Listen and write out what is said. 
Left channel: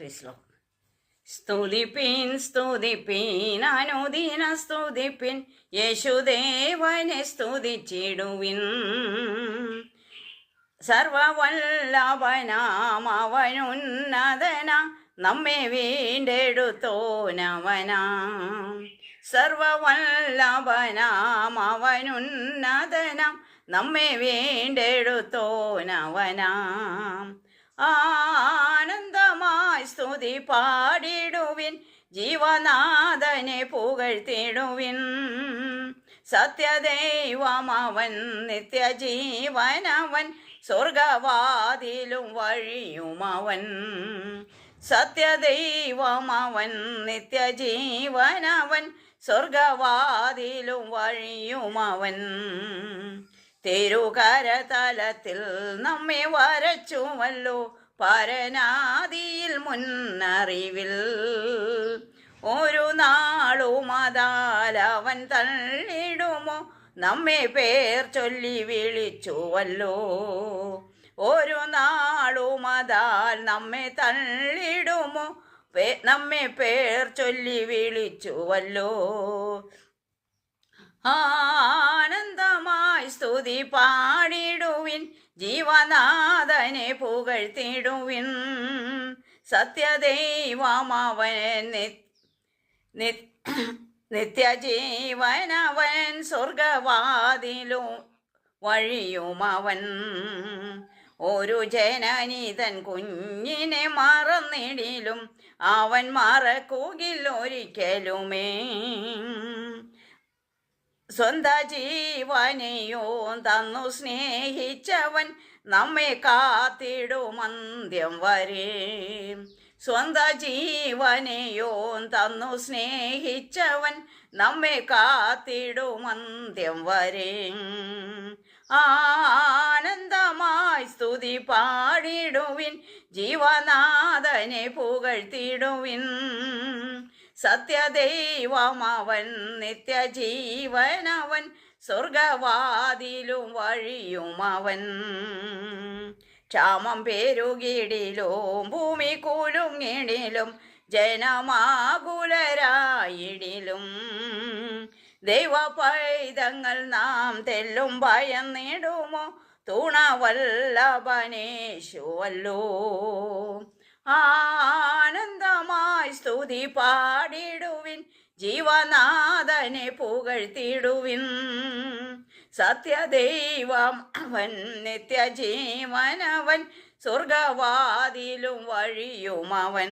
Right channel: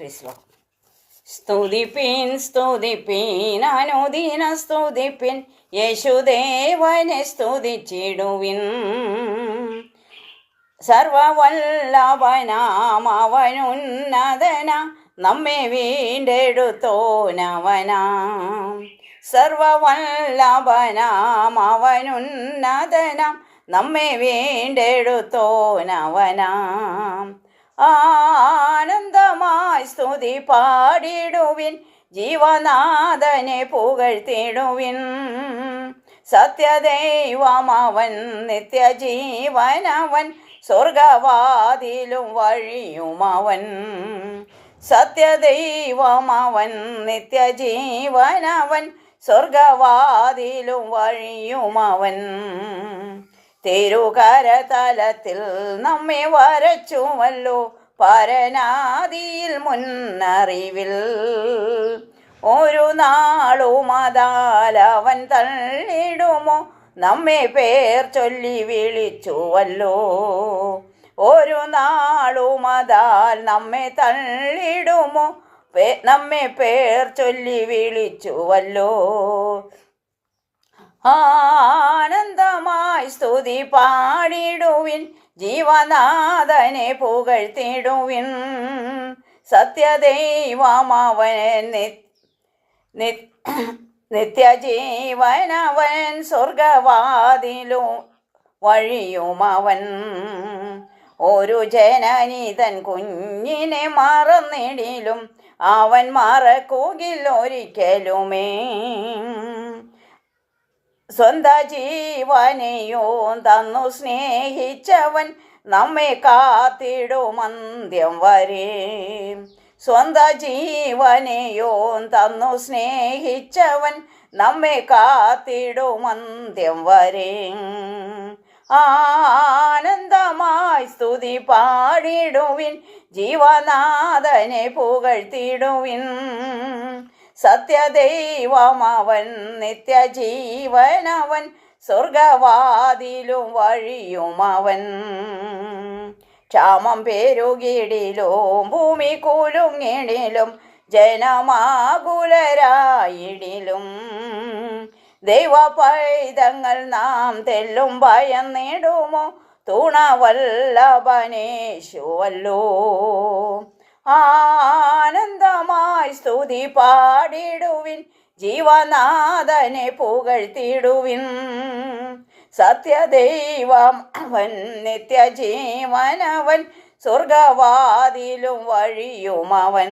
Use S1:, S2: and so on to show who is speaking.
S1: പ്രീസ്ലോ സ്തുതിപ്പീൻ സ്തുതിപ്പീൻ അനുദിന യേശുദേവനെ സ്തുതിച്ചിടുവിൻ. സർവവല്ലഭനാം അവനുന്നതന നമ്മെ വീണ്ടെടുത്തോനവനാം. സർവവല്ലഭനാം അവനുന്നതനം നമ്മെ വീണ്ടെടുത്തോനവനാം. ആനന്ദമായി പാടിടുവിൻ ജീവനാഥനെ പുകഴ്ത്തിടുവിൻ. സത്യദൈവമവൻ നിത്യജീവനവൻ സ്വർഗവാതിലും വഴിയുമവൻ സത്യദൈവമവൻ നിത്യജീവനവൻ സ്വർഗവാതിലും വഴിയുമവൻ തിരുകരതലത്തിൽ നമ്മെ വരച്ചുവല്ലോ പരനാദിയിൽ മുന്നറിവിൽ ഒരു നാളും അതാലവൻ തള്ളിടുമോ? നമ്മെ പേർ ചൊല്ലി വിളിച്ചുവല്ലോ. ഒരു നാളും അതാൽ നമ്മെ തള്ളിടുമോ? നമ്മെ പേർ ചൊല്ലി വിളിച്ചുവല്ലോ. ആനന്ദമായി സ്തുതി പാടിടുവിൻ ജീവനാഥനെ പുകഴ്ത്തിടുവിൻ. സത്യദൈവമവൻ നിത്യജീവനവൻ സ്വർഗവാതിലും വഴിയുമവൻ ഒരു ജനനീതൻ കുഞ്ഞിനെ മറന്നിടിലും അവൻ മറക്കുകിൽ ഒരിക്കലുമേ. സ്വന്ത ജീവനെയോ തന്നു സ്നേഹിച്ചവൻ നമ്മെ കാത്തിടും അന്ത്യം വരെ. സ്വന്ത ജീവനെയോ തന്നു സ്നേഹിച്ചവൻ നമ്മെ കാത്തിടും അന്ത്യം വരെ. ആനന്ദമായി സ്തുതി പാടിടുവിൻ ജീവനാഥനെ പുകഴ്ത്തിടുവിൻ. സത്യദൈവമവൻ നിത്യജീവനവൻ സ്വർഗവാതിലും വഴിയുമവൻ ക്ഷാമം പേരുകിടിലും ഭൂമി കുലുങ്ങിടിലും ജനമാകുലരായിടിലും. ദൈവ പൈതങ്ങൾ നാം തെല്ലും ഭയം നേടുമോ? തുണവല്ലഭനേശുവല്ലോ. ആനന്ദമായി സ്തുതി പാടിടുവിൻ ജീവനാഥനെ പുകഴ്ത്തിടുവിൻ സത്യദൈവം അവൻ നിത്യജീവനവൻ സ്വർഗവാതിലും വഴിയും അവൻ